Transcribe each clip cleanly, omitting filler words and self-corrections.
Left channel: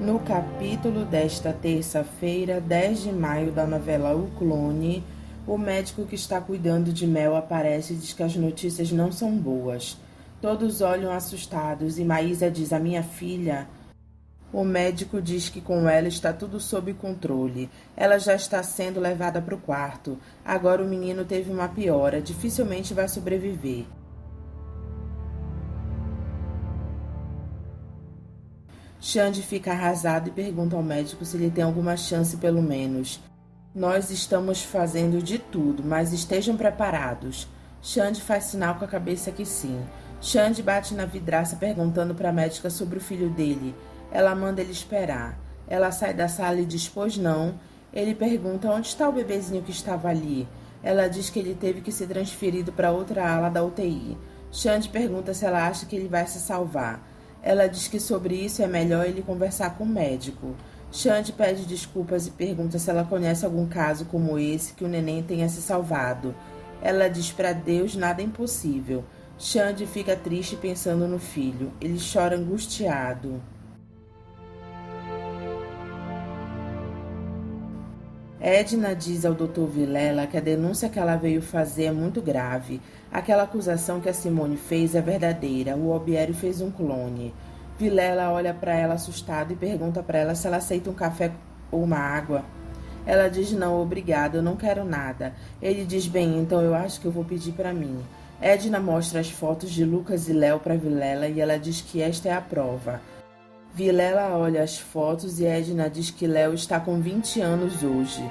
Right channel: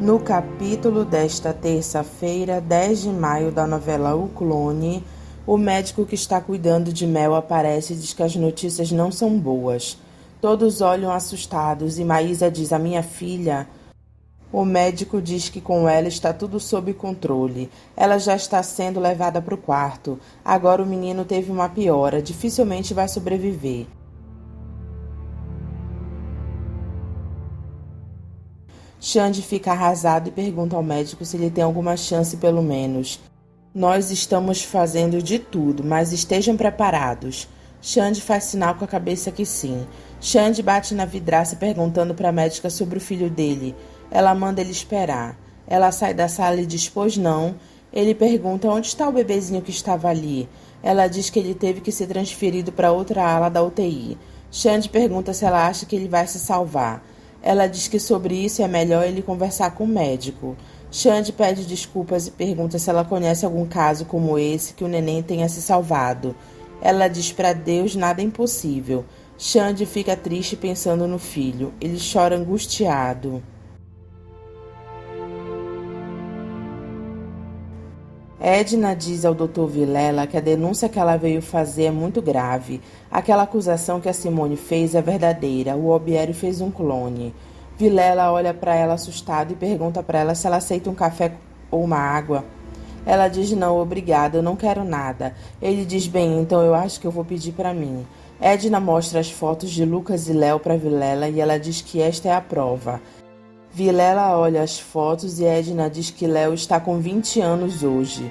No capítulo desta terça-feira, 10 de maio, da novela O Clone, o médico que está cuidando de Mel aparece e diz que as notícias não são boas. Todos olham assustados e Maísa diz: "A minha filha." O médico diz que com ela está tudo sob controle. Ela já está sendo levada para o quarto. Agora o menino teve uma piora, dificilmente vai sobreviver. Xande fica arrasado e pergunta ao médico se ele tem alguma chance pelo menos. "Nós estamos fazendo de tudo, mas estejam preparados." Xande faz sinal com a cabeça que sim. Xande bate na vidraça perguntando para a médica sobre o filho dele. Ela manda ele esperar. Ela sai da sala e diz: "Pois não." Ele pergunta onde está o bebezinho que estava ali. Ela diz que ele teve que ser transferido para outra ala da UTI. Xande pergunta se ela acha que ele vai se salvar. Ela diz que sobre isso é melhor ele conversar com o médico. Xande pede desculpas e pergunta se ela conhece algum caso como esse que o neném tenha se salvado. Ela diz para Deus nada é impossível. Xande fica triste pensando no filho. Ele chora angustiado. Edna diz ao Dr. Vilela que a denúncia que ela veio fazer é muito grave. Aquela acusação que a Simone fez é verdadeira. O Albieri fez um clone. Vilela olha para ela assustado e pergunta para ela se ela aceita um café ou uma água. Ela diz: "Não, obrigada, eu não quero nada." Ele diz: "Bem, então eu acho que eu vou pedir para mim." Edna mostra as fotos de Lucas e Léo para Vilela e ela diz que esta é a prova. Vilela olha as fotos e Edna diz que Léo está com 20 anos hoje.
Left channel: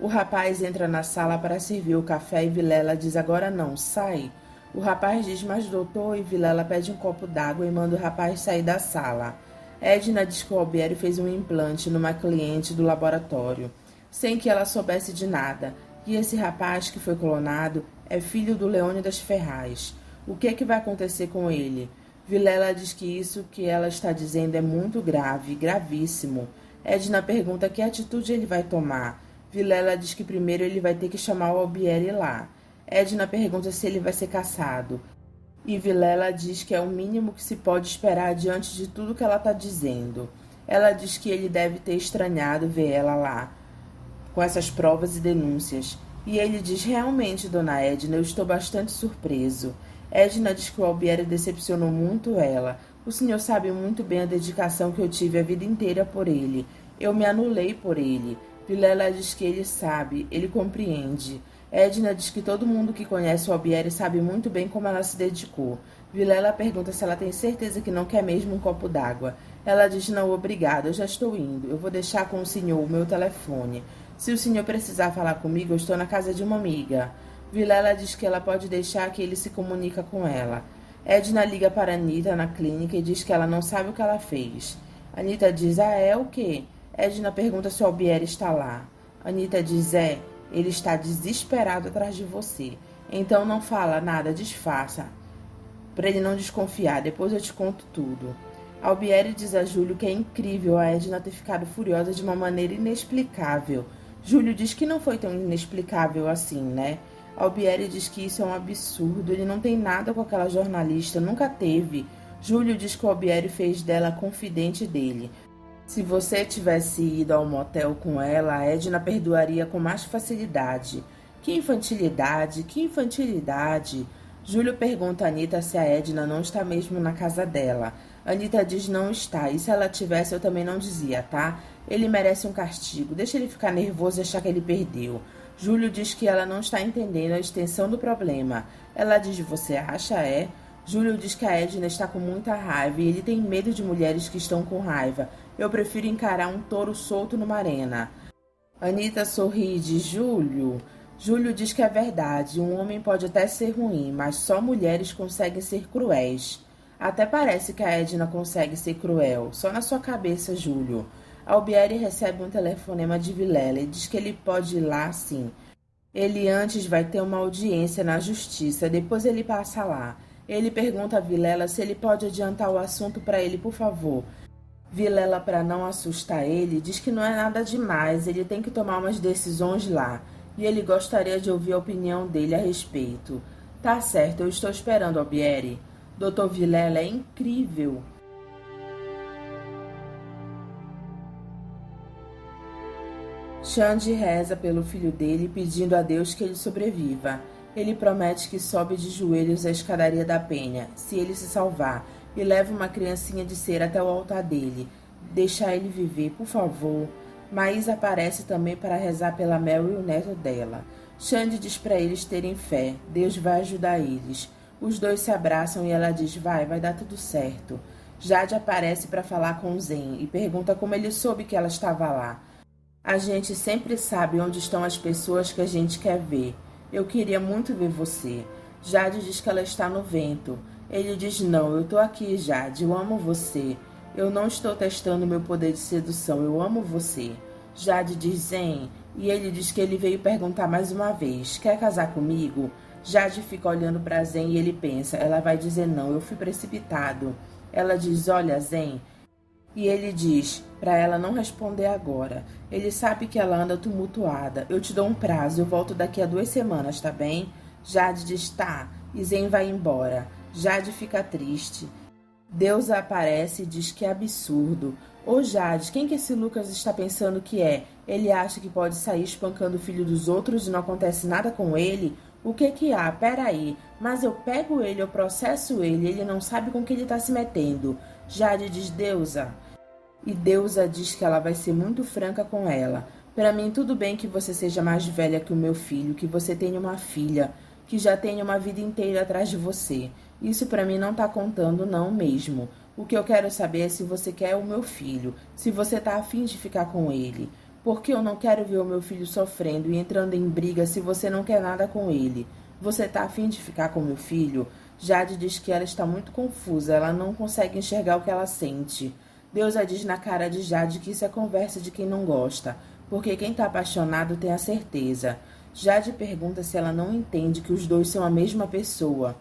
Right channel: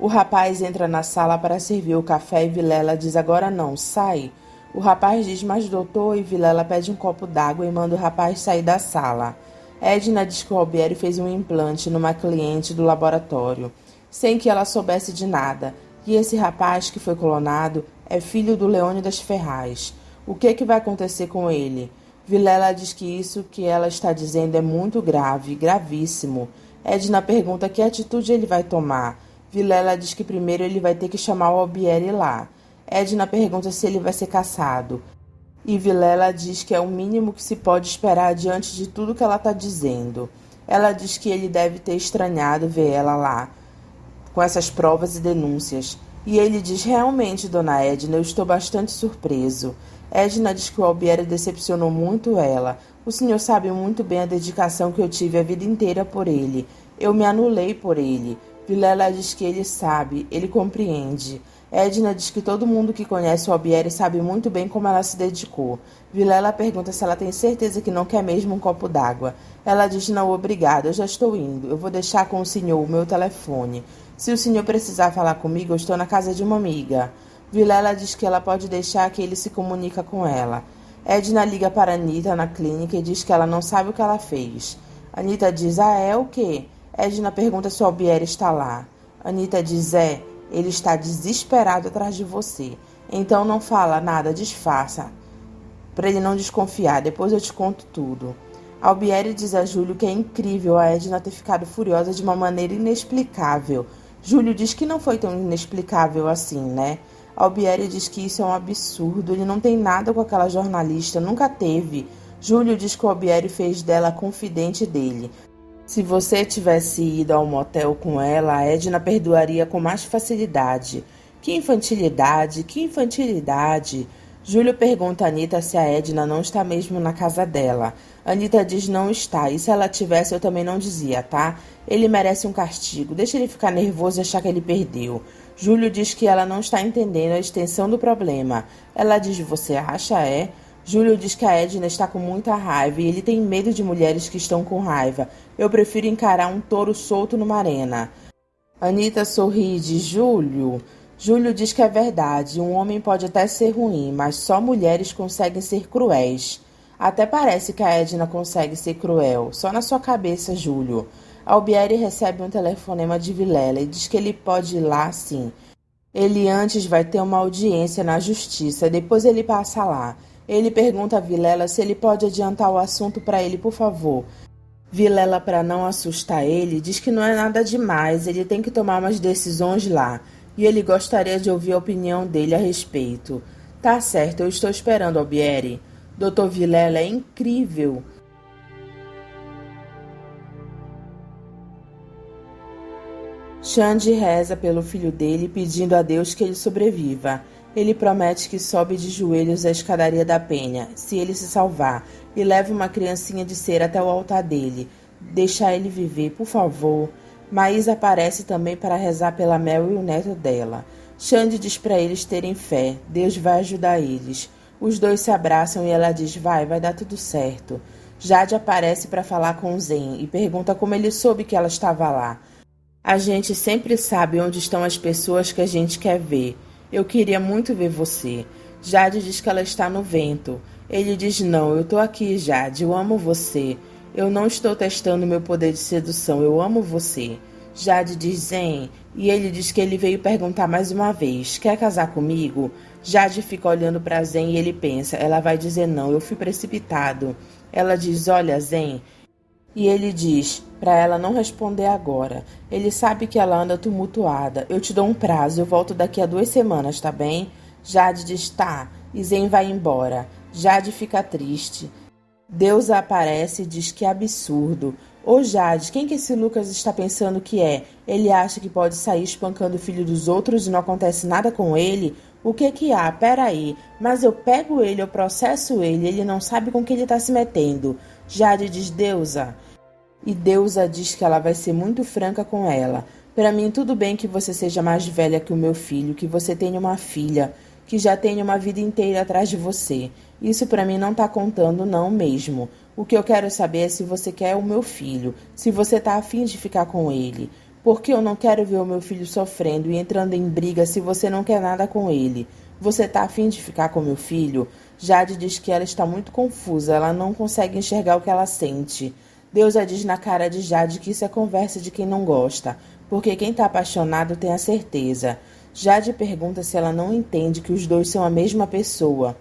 O rapaz entra na sala para servir o café e Vilela diz: "Agora não, sai." O rapaz diz: "Mas doutor," e Vilela pede um copo d'água e manda o rapaz sair da sala. Edna diz que o Albieri fez um implante numa cliente do laboratório, sem que ela soubesse de nada, e esse rapaz que foi clonado é filho do Leônidas Ferraz. O que vai acontecer com ele? Vilela diz que isso que ela está dizendo é muito grave, gravíssimo. Edna pergunta que atitude ele vai tomar. Vilela diz que primeiro ele vai ter que chamar o Albieri lá. Edna pergunta se ele vai ser caçado. E Vilela diz que é o mínimo que se pode esperar diante de tudo que ela está dizendo. Ela diz que ele deve ter estranhado ver ela lá, com essas provas e denúncias. E ele diz: "Realmente, dona Edna, eu estou bastante surpreso." Edna diz que o Albieri decepcionou muito ela. "O senhor sabe muito bem a dedicação que eu tive a vida inteira por ele. Eu me anulei por ele." Vilela diz que ele sabe, ele compreende. Edna diz que todo mundo que conhece o Albieri sabe muito bem como ela se dedicou. Vilela pergunta se ela tem certeza que não quer mesmo um copo d'água. Ela diz: "Não, obrigada, eu já estou indo. Eu vou deixar com o senhor o meu telefone. Se o senhor precisar falar comigo, eu estou na casa de uma amiga." Vilela diz que ela pode deixar que ele se comunica com ela. Edna liga para Anita na clínica e diz que ela não sabe o que ela fez. Anita diz: "Ah, é o quê?" Edna pergunta se o Albieri está lá. Anita diz: "É, ele está desesperado atrás de você. Então não fala nada, disfarça, para ele não desconfiar. Depois eu te conto tudo." Albieri diz a Júlio que é incrível a Edna ter ficado furiosa de uma maneira inexplicável. Júlio diz que não foi tão inexplicável assim, né? Albieri diz que isso é um absurdo, ele não tem nada com aquela jornalista, nunca teve. Júlio diz que o Albieri fez dela confidente dele. Se você tivesse ido ao motel com ela, a Edna perdoaria com mais facilidade. Que infantilidade, que infantilidade. Júlio pergunta a Anita se a Edna não está mesmo na casa dela. Anita diz: "Não está, e se ela tivesse eu também não dizia, tá? Ele merece um castigo, deixa ele ficar nervoso e achar que ele perdeu." Júlio diz que ela não está entendendo a extensão do problema. Ela diz: "Você acha, é?" Júlio diz que a Edna está com muita raiva e ele tem medo de mulheres que estão com raiva. "Eu prefiro encarar um touro solto numa arena." Anita sorri e diz: "Júlio." Júlio diz que é verdade, um homem pode até ser ruim, mas só mulheres conseguem ser cruéis. Até parece que a Edna consegue ser cruel, só na sua cabeça, Júlio. Albieri recebe um telefonema de Vilela e diz que ele pode ir lá sim. Ele antes vai ter uma audiência na justiça, depois ele passa lá. Ele pergunta a Vilela se ele pode adiantar o assunto para ele, por favor. Vilela, para não assustar ele, diz que não é nada demais, ele tem que tomar umas decisões lá, e ele gostaria de ouvir a opinião dele a respeito. "Tá certo, eu estou esperando, Albieri." "Dr. Vilela é incrível." Xande reza pelo filho dele, pedindo a Deus que ele sobreviva. Ele promete que sobe de joelhos a escadaria da penha, se ele se salvar, e leva uma criancinha de cera até o altar dele. Deixa ele viver, por favor. Maísa aparece também para rezar pela Mel e o neto dela. Xande diz para eles terem fé, Deus vai ajudar eles. Os dois se abraçam e ela diz, vai dar tudo certo. Jade aparece para falar com Zen e pergunta como ele soube que ela estava lá. A gente sempre sabe onde estão as pessoas que a gente quer ver. Eu queria muito ver você. Jade diz que ela está no vento. Ele diz, não, eu tô aqui, Jade, eu amo você. Eu não estou testando meu poder de sedução, eu amo você. Jade diz, Zen, e ele diz que ele veio perguntar mais uma vez, quer casar comigo? Jade fica olhando para Zen e ele pensa, ela vai dizer não, eu fui precipitado. Ela diz, olha, Zen, e ele diz para ela não responder agora. Ele sabe que ela anda tumultuada. Eu te dou um prazo, eu volto daqui a 2 semanas, tá bem? Jade diz, tá, e Zen vai embora. Jade fica triste. Deus aparece e diz que absurdo. Ô Jade, quem que esse Lucas está pensando que é? Ele acha que pode sair espancando o filho dos outros e não acontece nada com ele? O que que há? Peraí, mas eu pego ele, eu processo ele não sabe com que ele está se metendo. Jade diz, Deusa. E Deusa diz que ela vai ser muito franca com ela. Para mim, tudo bem que você seja mais velha que o meu filho, que você tenha uma filha, que já tenha uma vida inteira atrás de você. Isso para mim não tá contando não mesmo. O que eu quero saber é se você quer o meu filho, se você tá afim de ficar com ele. Porque eu não quero ver o meu filho sofrendo e entrando em briga se você não quer nada com ele. Você tá afim de ficar com meu filho? Jade diz que ela está muito confusa, ela não consegue enxergar o que ela sente. Deusa diz na cara de Jade que isso é conversa de quem não gosta, porque quem tá apaixonado tem a certeza. Jade pergunta se ela não entende que os dois são a mesma pessoa,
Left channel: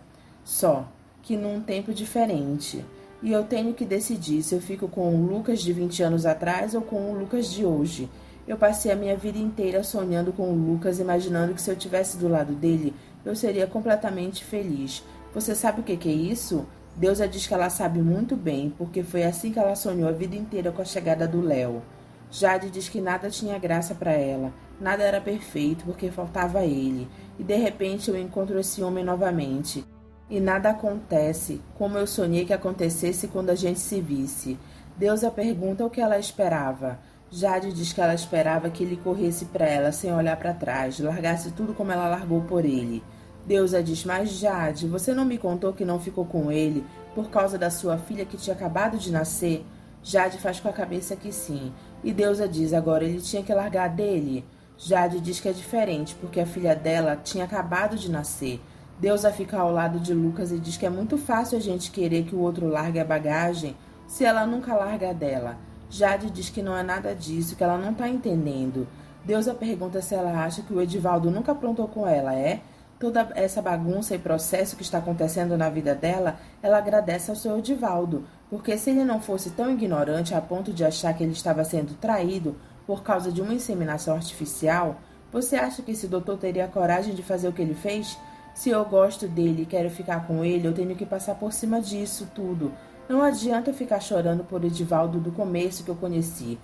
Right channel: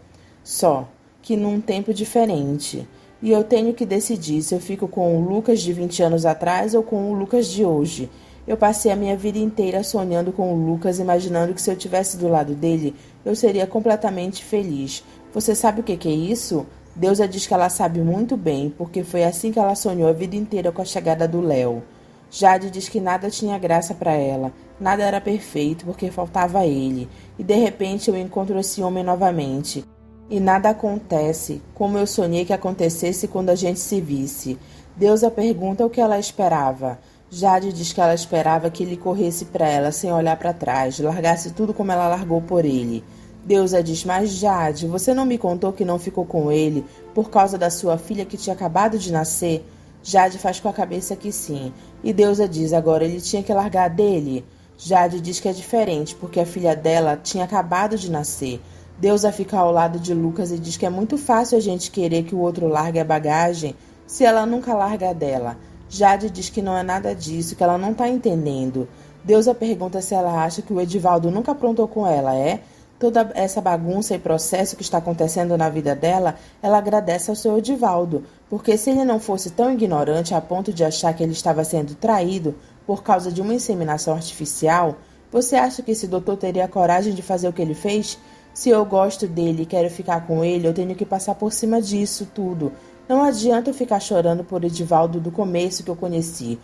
só que num tempo diferente. E eu tenho que decidir se eu fico com o Lucas de 20 anos atrás ou com o Lucas de hoje. Eu passei a minha vida inteira sonhando com o Lucas, imaginando que se eu tivesse do lado dele, eu seria completamente feliz. Você sabe o que é isso? Deusa diz que ela sabe muito bem, porque foi assim que ela sonhou a vida inteira com a chegada do Léo. Jade diz que nada tinha graça para ela, nada era perfeito porque faltava ele, e de repente eu encontro esse homem novamente. E nada acontece, como eu sonhei que acontecesse quando a gente se visse. Deusa pergunta o que ela esperava. Jade diz que ela esperava que ele corresse para ela sem olhar para trás, largasse tudo como ela largou por ele. Deusa diz, mas Jade, você não me contou que não ficou com ele por causa da sua filha que tinha acabado de nascer? Jade faz com a cabeça que sim. E Deusa diz, agora ele tinha que largar dele? Jade diz que é diferente, porque a filha dela tinha acabado de nascer. Deusa fica ao lado de Lucas e diz que é muito fácil a gente querer que o outro largue a bagagem se ela nunca larga a dela. Jade diz que não é nada disso, que ela não está entendendo. Deusa pergunta se ela acha que o Edivaldo nunca aprontou com ela, é? Toda essa bagunça e processo que está acontecendo na vida dela, ela agradece ao seu Edivaldo, porque se ele não fosse tão ignorante a ponto de achar que ele estava sendo traído por causa de uma inseminação artificial, você acha que esse doutor teria coragem de fazer o que ele fez? Se eu gosto dele e quero ficar com ele, eu tenho que passar por cima disso tudo. Não adianta eu ficar chorando por Edivaldo do começo que eu conheci.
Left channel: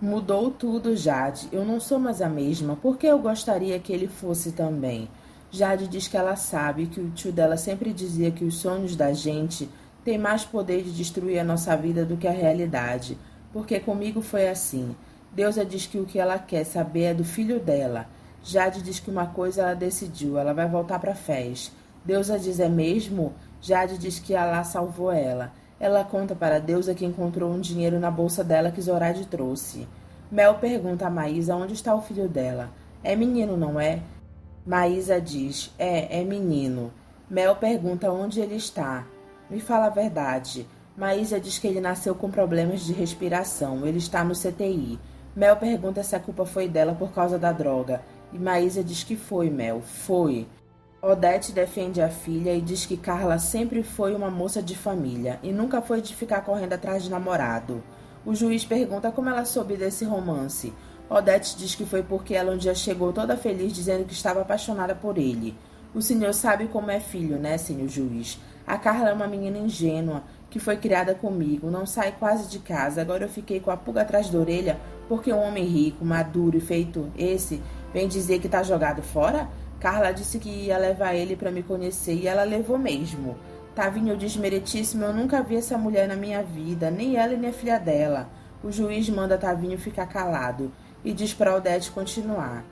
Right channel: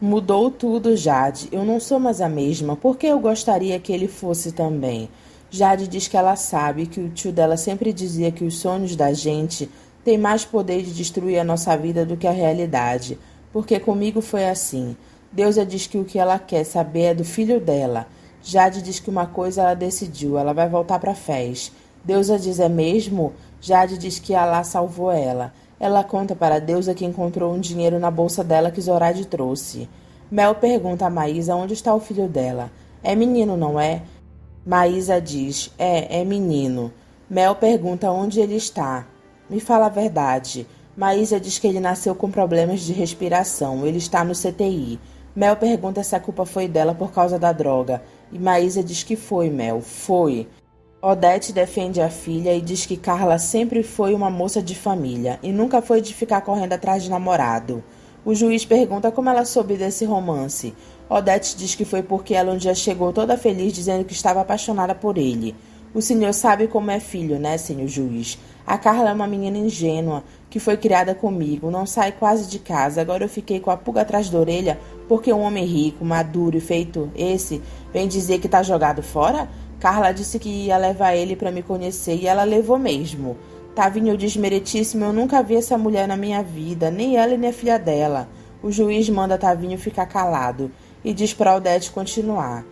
Mudou tudo, Jade. Eu não sou mais a mesma. Por que eu gostaria que ele fosse também? Jade diz que ela sabe que o tio dela sempre dizia que os sonhos da gente têm mais poder de destruir a nossa vida do que a realidade. Porque comigo foi assim. Deusa diz que o que ela quer saber é do filho dela. Jade diz que uma coisa ela decidiu, ela vai voltar para Fez. Deusa diz, é mesmo? Jade diz que Alá salvou ela. Ela conta para Deusa que encontrou um dinheiro na bolsa dela que Zorade trouxe. Mel pergunta a Maísa onde está o filho dela. É menino, não é? Maísa diz, é menino. Mel pergunta onde ele está. Me fala a verdade. Maísa diz que ele nasceu com problemas de respiração. Ele está no CTI. Mel pergunta se a culpa foi dela por causa da droga. E Maísa diz que foi, Mel. Foi. Odete defende a filha e diz que Carla sempre foi uma moça de família e nunca foi de ficar correndo atrás de namorado. O juiz pergunta como ela soube desse romance. Odete diz que foi porque ela um dia chegou toda feliz dizendo que estava apaixonada por ele. O senhor sabe como é filho, né, senhor juiz? A Carla é uma menina ingênua, que foi criada comigo, não sai quase de casa. Agora eu fiquei com a pulga atrás da orelha Porque um homem rico, maduro e feito esse vem dizer que tá jogado fora? Carla disse que ia levar ele para me conhecer e ela levou mesmo. Tavinho diz meritíssimo, eu nunca vi essa mulher na minha vida, nem ela nem a filha dela. O juiz manda Tavinho ficar calado e diz para Odete continuar.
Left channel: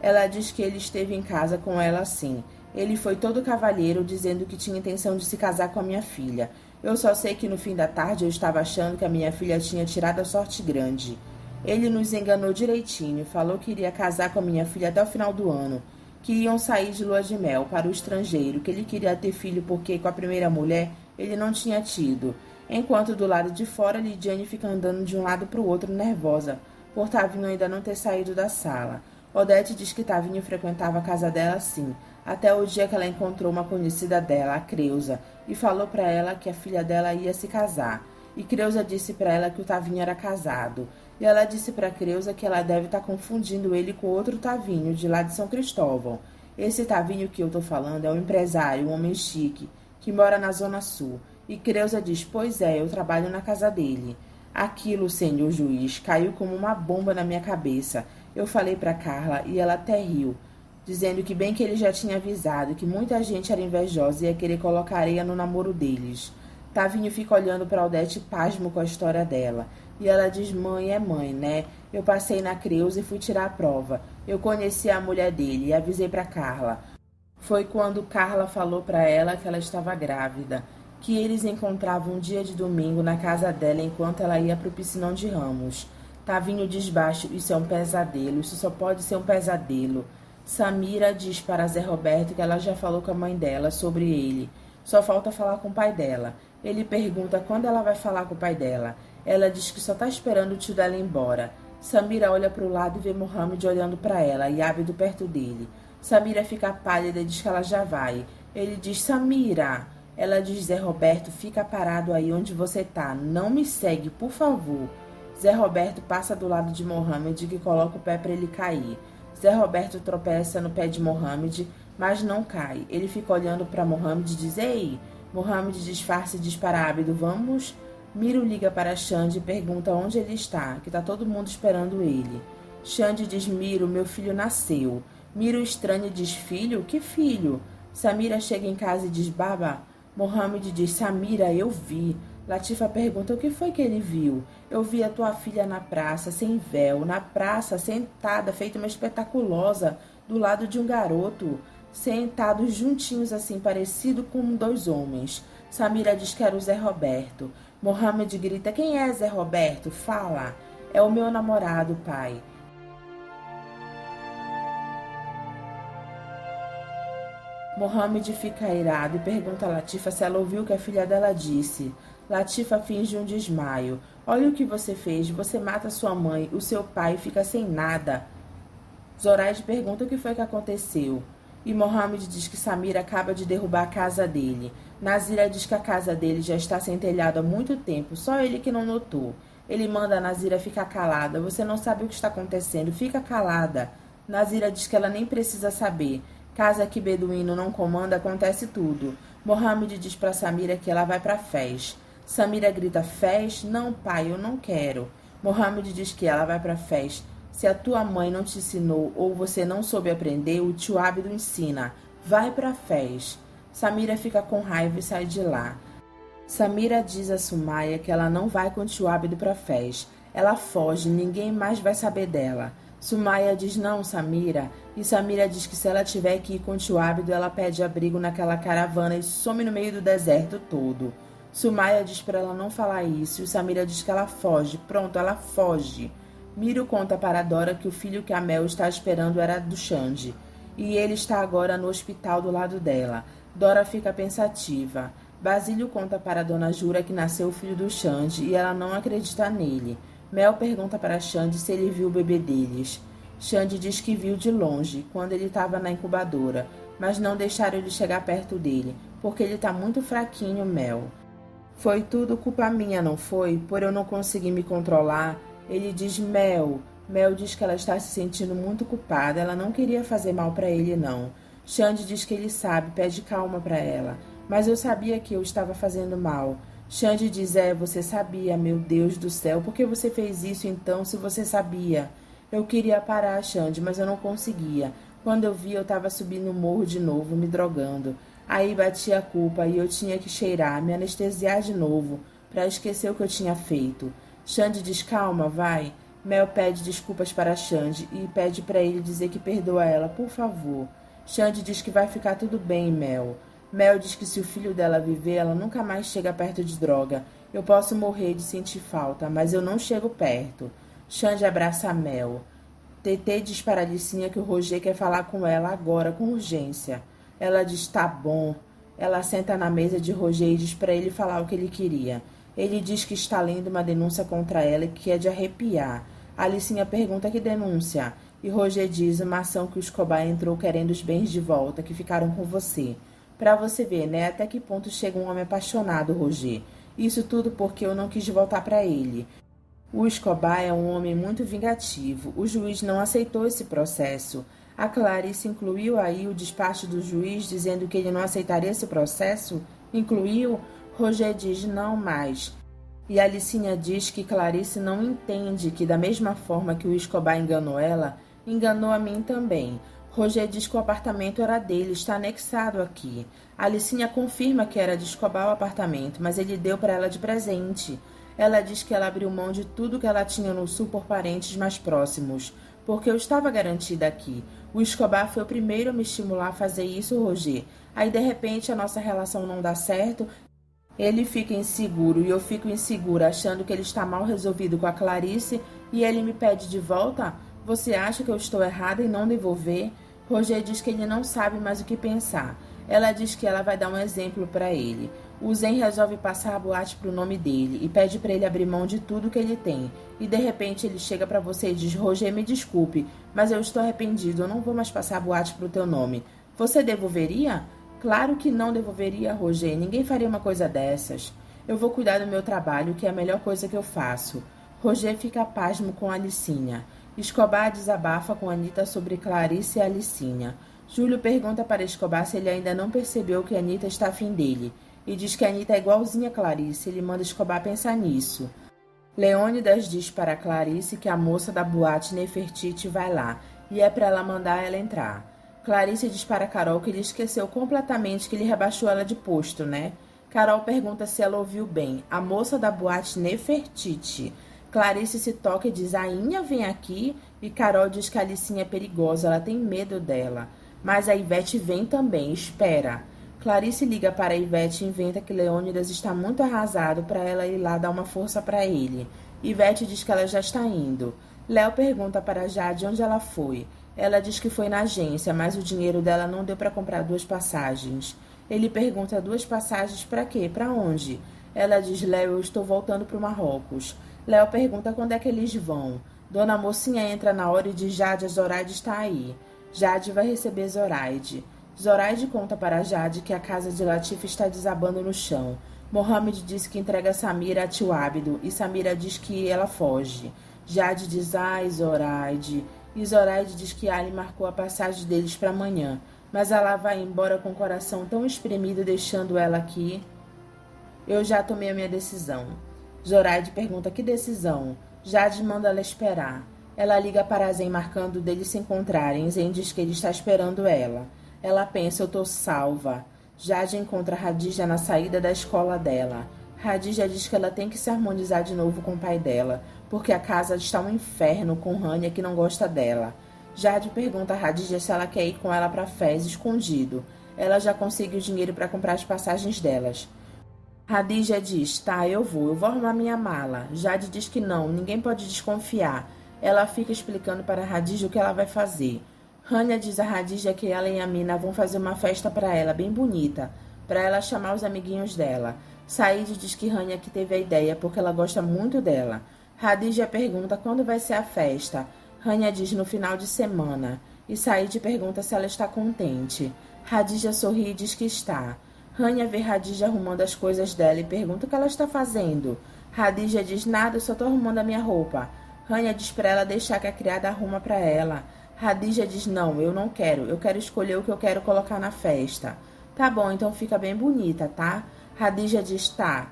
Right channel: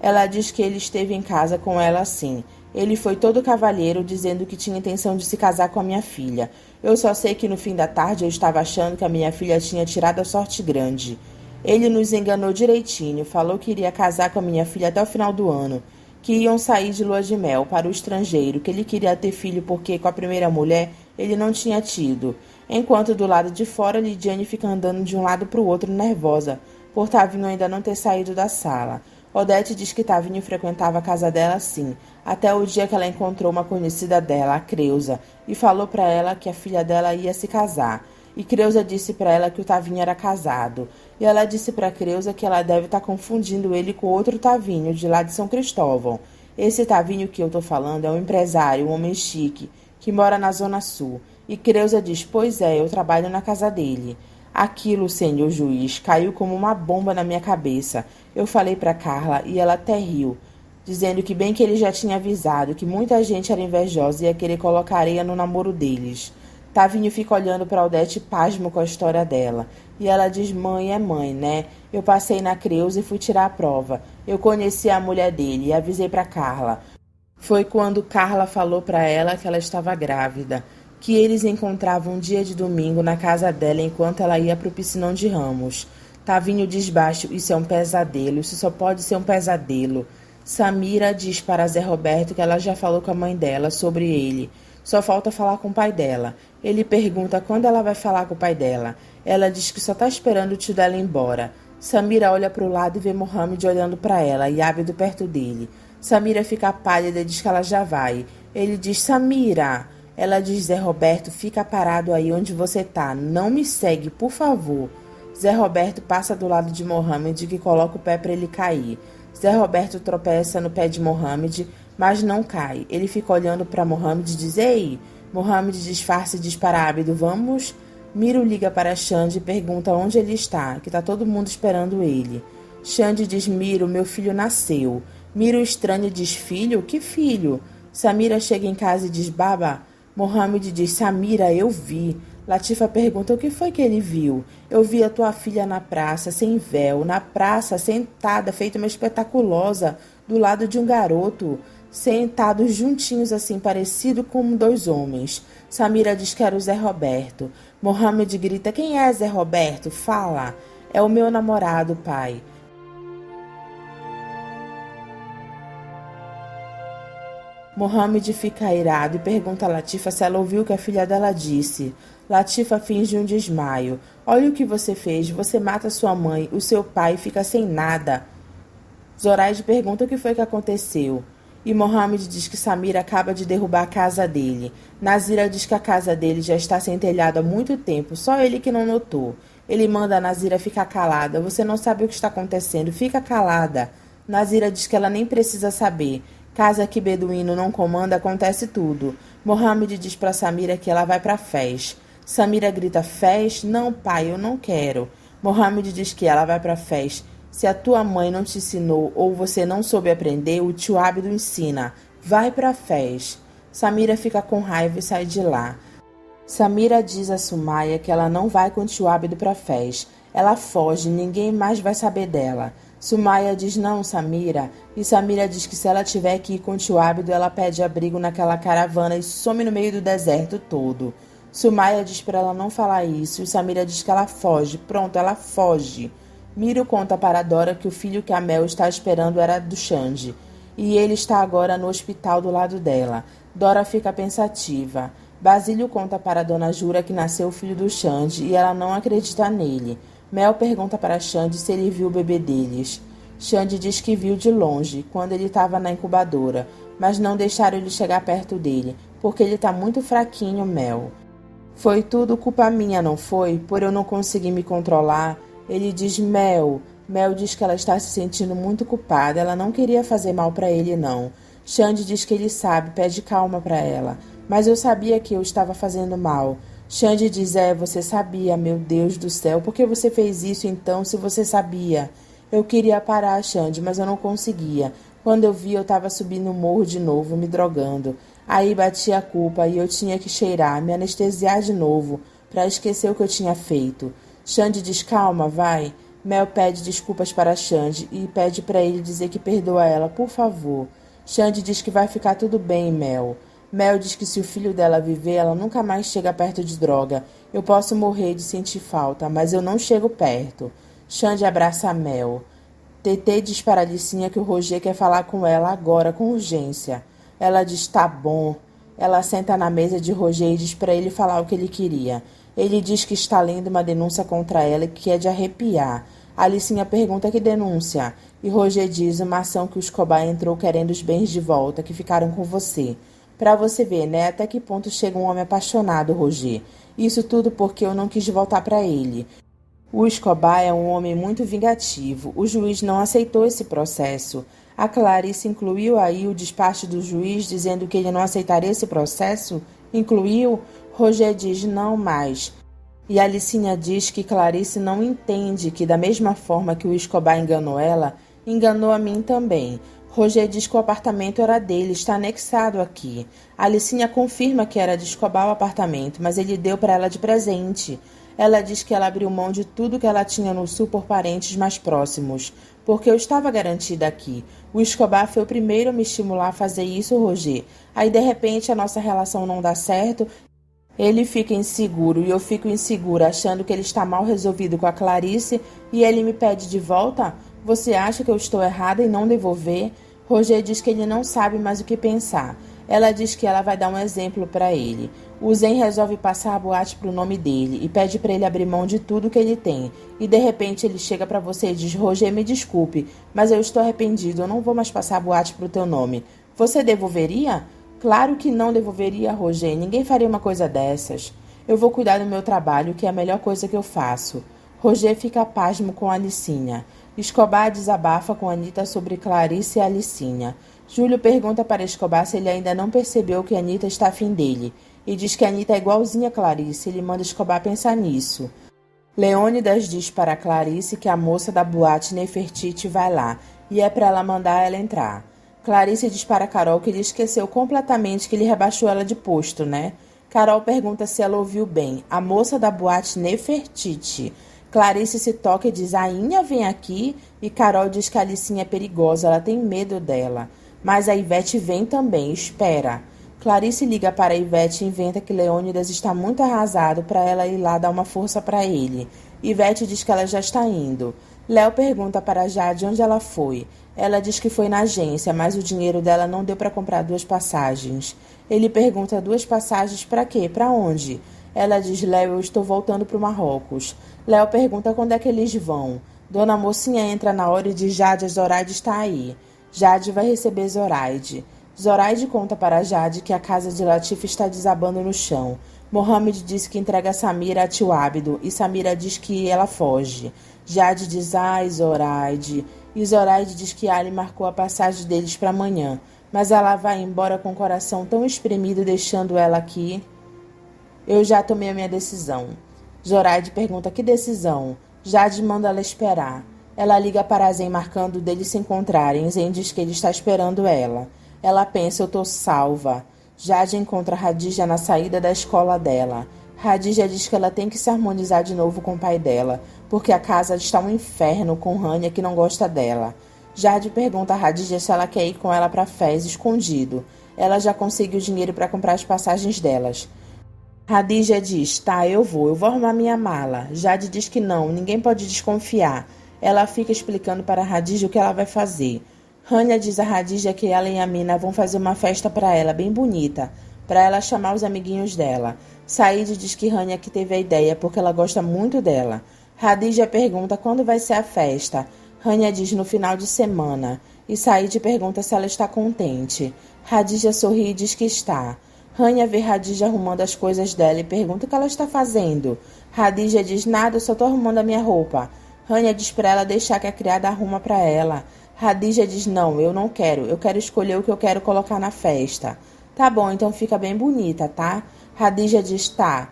Ela diz que ele esteve em casa com ela sim. Ele foi todo cavalheiro dizendo que tinha intenção de se casar com a minha filha. Eu só sei que no fim da tarde eu estava achando que a minha filha tinha tirado a sorte grande. Ele nos enganou direitinho, falou que iria casar com a minha filha até o final do ano, que iam sair de lua de mel para o estrangeiro, que ele queria ter filho porque com a primeira mulher ele não tinha tido. Enquanto do lado de fora Lidiane fica andando de um lado para o outro nervosa, por Tavinho ainda não ter saído da sala. Odete diz que Tavinho frequentava a casa dela sim, até o dia que ela encontrou uma conhecida dela, a Creusa, e falou para ela que a filha dela ia se casar. E Creusa disse para ela que o Tavinho era casado. E ela disse para Creusa que ela deve estar confundindo ele com outro Tavinho, de lá de São Cristóvão. Esse Tavinho que eu tô falando é um empresário, um homem chique, que mora na Zona Sul. E Creusa diz, pois é, eu trabalho na casa dele. Aquilo, senhor juiz, caiu como uma bomba na minha cabeça. Eu falei para Carla e ela até riu, dizendo que bem que ele já tinha avisado que muita gente era invejosa e ia querer colocar areia no namoro deles. Tavinho fica olhando para Odete pasmo com a história dela. E ela diz, mãe é mãe, né? Eu passei na Creuza e fui tirar a prova. Eu conheci a mulher dele e avisei para Carla. Foi quando Carla falou para ela que ela estava grávida, que eles encontravam um dia de domingo na casa dela enquanto ela ia para o piscinão de Ramos. Tavinho diz baixo, isso é um pesadelo, isso só pode ser um pesadelo. Samira diz para Zé Roberto que ela já falou com a mãe dela sobre ele. Só falta falar com o pai dela. Ele pergunta quando ela vai falar com o pai dela. Ela diz que só está esperando o tio dela ir embora. Samira olha para o lado e vê Mohamed olhando para ela e ávido perto dele. Samira fica pálida e diz que ela já vai. Ele diz, Samira. Ela diz, Zé Roberto, fica parado aí onde você tá. Não me segue, por favor. Zé Roberto passa do lado de Mohamed que coloca o pé para ele cair. Zé Roberto tropeça no pé de Mohamed, mas não cai. Ele fica olhando para Mohamed e diz, ei. Mohamed disfarça e diz para Ábido, vamos? Miro liga para Xande e pergunta onde ele está, que está todo mundo esperando ele. Xande diz, Miro, meu filho nasceu. Miro estranha e diz, filho? Que filho? Samira chega em casa e diz, baba. Mohamed diz, Samira, eu vi. Latifa pergunta, o que foi que ele viu? Eu vi a tua filha na praça, sem véu, na praça, sentada, feita uma espetaculosa, do lado de um garoto, sentados juntinhos assim, parecido como dois homens. Samira diz que era o Zé Roberto. Mohamed grita, quem é Zé Roberto? Fala. É o meu namorado, pai. Mohamed fica irado e pergunta a Latifa se ela ouviu o que a filha dela disse. Latifa finge um desmaio. Olha o que você fez. Você mata sua mãe, o seu pai fica sem nada. Zoraide pergunta o que foi que aconteceu. E Mohamed diz que Samira acaba de derrubar a casa dele. Nazira diz que a casa dele já está sem telhado há muito tempo, só ele que não notou. Ele manda a Nazira ficar calada. Você não sabe o que está acontecendo, fica calada. Nazira diz que ela nem precisa saber. Casa que beduíno não comanda, acontece tudo. Mohamed diz para Samira que ela vai para a fez. Samira grita, fez? Não, pai, eu não quero. Mohamed diz que ela vai para a fez. Se a tua mãe não te ensinou ou você não soube aprender, o tio Ábido ensina. Vai para a fez. Samira fica com raiva e sai de lá. Samira diz a Sumaia que ela não vai com o tio Ábido para a fez. Ela foge, ninguém mais vai saber dela. Sumaia diz não, Samira. E Samira diz que se ela tiver que ir com o tio Ábido, ela pede abrigo naquela caravana e some no meio do deserto todo. Sumaia diz para ela não falar isso e Samira diz que ela foge. Pronto, ela foge. Miro conta para Dora que o filho que a Mel está esperando era do Xande. E ele está agora no hospital do lado dela. Dora fica pensativa. Basílio conta para Dona Jura que nasceu o filho do Xande e ela não acredita nele. Mel pergunta para Xande se ele viu o bebê deles. Xande diz que viu de longe, quando ele estava na incubadora, mas não deixaram ele chegar perto dele, porque ele está muito fraquinho, Mel. Foi tudo culpa minha, não foi? Por eu não conseguir me controlar. Ele diz, Mel. Mel diz que ela está se sentindo muito culpada, ela não queria fazer mal para ele, não. Xande diz que ele sabe, pede calma para ela. Mas eu sabia que eu estava fazendo mal. Xande diz, você sabia, meu Deus do céu, por que você fez isso então se você sabia? Eu queria parar, Xande, mas eu não conseguia. Quando eu vi, eu estava subindo o morro de novo, me drogando. Aí bati a culpa e eu tinha que cheirar, me anestesiar de novo, para esquecer o que eu tinha feito. Xande diz, calma, vai. Mel pede desculpas para Xande e pede para ele dizer que perdoa ela, por favor. Xande diz que vai ficar tudo bem, Mel. Mel diz que se o filho dela viver, ela nunca mais chega perto de droga. Eu posso morrer de sentir falta, mas eu não chego perto. Xande abraça a Mel. Tetê diz para Alicinha que o Roger quer falar com ela agora, com urgência. Ela diz, tá bom. Ela senta na mesa de Roger e diz para ele falar o que ele queria. Ele diz que está lendo uma denúncia contra ela e que é de arrepiar. Alicinha pergunta que denúncia. E Roger diz uma ação que o Escobar entrou querendo os bens de volta, que ficaram com você. Pra você ver, né, até que ponto chega um homem apaixonado, Roger. Isso tudo porque eu não quis voltar pra ele. O Escobar é um homem muito vingativo. O juiz não aceitou esse processo. A Clarice incluiu aí o despacho do juiz dizendo que ele não aceitaria esse processo? Incluiu? Roger diz não mais. E Alicinha diz que Clarice não entende que, da mesma forma que o Escobar enganou ela, enganou a mim também. Roger diz que o apartamento era dele, está anexado aqui. Alicinha confirma que era de Escobar o apartamento, mas ele deu para ela de presente. Ela diz que ela abriu mão de tudo que ela tinha no sul por parentes mais próximos, porque eu estava garantida aqui. O Escobar foi o primeiro a me estimular a fazer isso, Roger. Aí, de repente, a nossa relação não dá certo. Ele fica inseguro e eu fico insegura, achando que ele está mal resolvido com a Clarice e ele me pede de volta? Você acha que eu estou errada em não devolver? Roger diz que ele não sabe mais o que pensar. Ela diz que ela vai dar um exemplo para ele. O Zen resolve passar a boate para o nome dele e pede para ele abrir mão de tudo que ele tem. E de repente ele chega para você e diz, Roger, me desculpe, mas eu estou arrependido, eu não vou mais passar a boate para o teu nome. Você devolveria? Claro que não devolveria, Roger. Ninguém faria uma coisa dessas. Eu vou cuidar do meu trabalho, que é a melhor coisa que eu faço. Roger fica pasmo com Alicinha. Escobar desabafa com Anita sobre Clarice e Alicinha. Júlio pergunta para Escobar se ele ainda não percebeu que Anita está afim dele. E diz que Anita é igualzinha a Clarice. Ele manda Escobar pensar nisso. Leônidas diz para Clarice que a moça da boate Nefertiti vai lá. E é para ela mandar ela entrar. Clarice diz para Carol que ele esqueceu completamente que ele rebaixou ela de posto, né? Carol pergunta se ela ouviu bem. A moça da boate Nefertiti. Clarice se toca e diz, Ainha vem aqui. E Carol diz que a Alicinha é perigosa, ela tem medo dela. Mas a Ivete vem também, espera. Clarice liga para a Ivete e inventa que Leônidas está muito arrasado para ela ir lá dar uma força para ele. Ivete diz que ela já está indo. Léo pergunta para Jade onde ela foi. Ela diz que foi na agência, mas o dinheiro dela não deu para comprar 2 passagens. Ele pergunta 2 passagens para quê? Para onde? Ela diz, Léo, eu estou voltando para o Marrocos. Léo pergunta quando é que eles vão. Dona Mocinha entra na hora e diz, Jade, a Zoraide está aí. Jade vai receber Zoraide. Zoraide conta para Jade que a casa de Latif está desabando no chão. Mohamed diz que entrega Samira a tio Ábido e Samira diz que ela foge. Jade diz, ai, Zoraide. E Zoraide diz que Ali marcou a passagem deles para amanhã, mas ela vai embora com o coração tão espremido, deixando ela aqui. Eu já tomei a minha decisão. Zoraide pergunta que decisão. Jade manda ela esperar. Ela liga para Zen marcando deles se encontrarem. Zen diz que ele está esperando ela. Ela pensa, eu tô salva. Jade encontra Radija na saída da escola dela. Radija diz que ela tem que se harmonizar de novo com o pai dela, porque a casa está um inferno com Rania que não gosta dela. Jade pergunta a Radija se ela quer ir com ela para Fez escondido. Ela já conseguiu dinheiro para comprar as passagens delas. Radija diz, tá, eu vou arrumar minha mala. Jade diz que não, ninguém pode desconfiar. Ela fica explicando para Radija o que ela vai fazer. Rania diz a Radija que ela e a Mina vão fazer uma festa para ela, bem bonita, para ela chamar os amiguinhos dela. Said diz que Rania que teve a ideia porque ela gosta muito dela. Radija pergunta quando vai ser a festa. Rania diz no final de semana. E Said pergunta se ela está contente. Radija sorri e diz que está. Rania vê Radija arrumando as coisas dela e pergunta o que ela está fazendo. Radija diz nada, eu só estou arrumando a minha roupa. Rania diz para ela deixar que a criada arruma para ela. Radija diz não, eu não quero, eu quero escolher o que eu quero colocar na festa. Tá bom, então fica bem bonita, tá? Radija diz tá.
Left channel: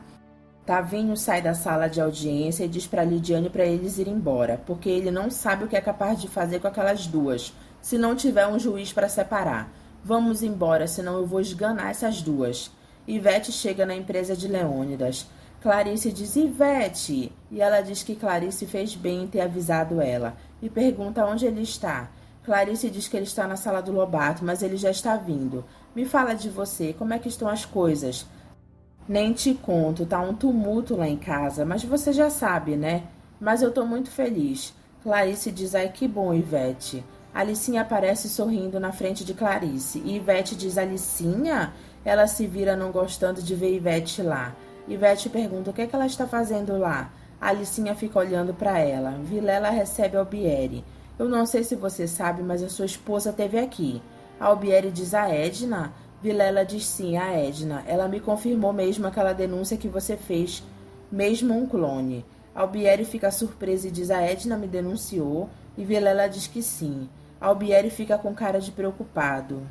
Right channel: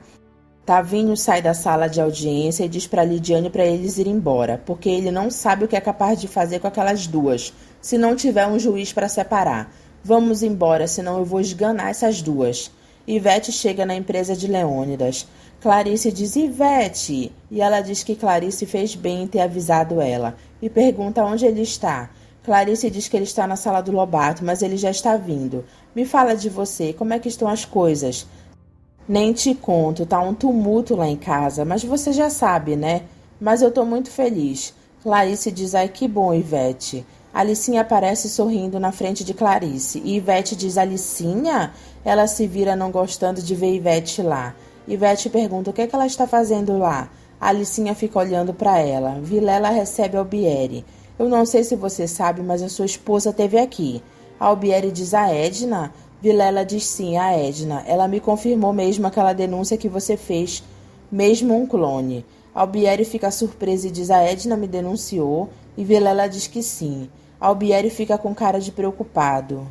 Tavinho sai da sala de audiência e diz para Lidiane para eles irem embora, porque ele não sabe o que é capaz de fazer com aquelas duas, se não tiver um juiz para separar. Vamos embora, senão eu vou esganar essas duas. Ivete chega na empresa de Leônidas. Clarice diz, Ivete! E ela diz que Clarice fez bem em ter avisado ela, e pergunta onde ele está. Clarice diz que ele está na sala do Lobato, mas ele já está vindo. Me fala de você, como é que estão as coisas? Nem te conto, tá um tumulto lá em casa, mas você já sabe, né? Mas eu tô muito feliz. Clarice diz, ai que bom, Ivete. Alicinha aparece sorrindo na frente de Clarice. E Ivete diz, Alicinha? Ela se vira não gostando de ver Ivete lá. Ivete pergunta o que é que ela está fazendo lá. Alicinha fica olhando para ela. Vilela recebe Albieri. Eu não sei se você sabe, mas a sua esposa esteve aqui. Albieri diz, a Edna? Vilela diz sim, a Edna. Ela me confirmou mesmo aquela denúncia que você fez, mesmo um clone. Albieri fica surpresa e diz a Edna me denunciou, e Vilela diz que sim. Albieri fica com cara de preocupado.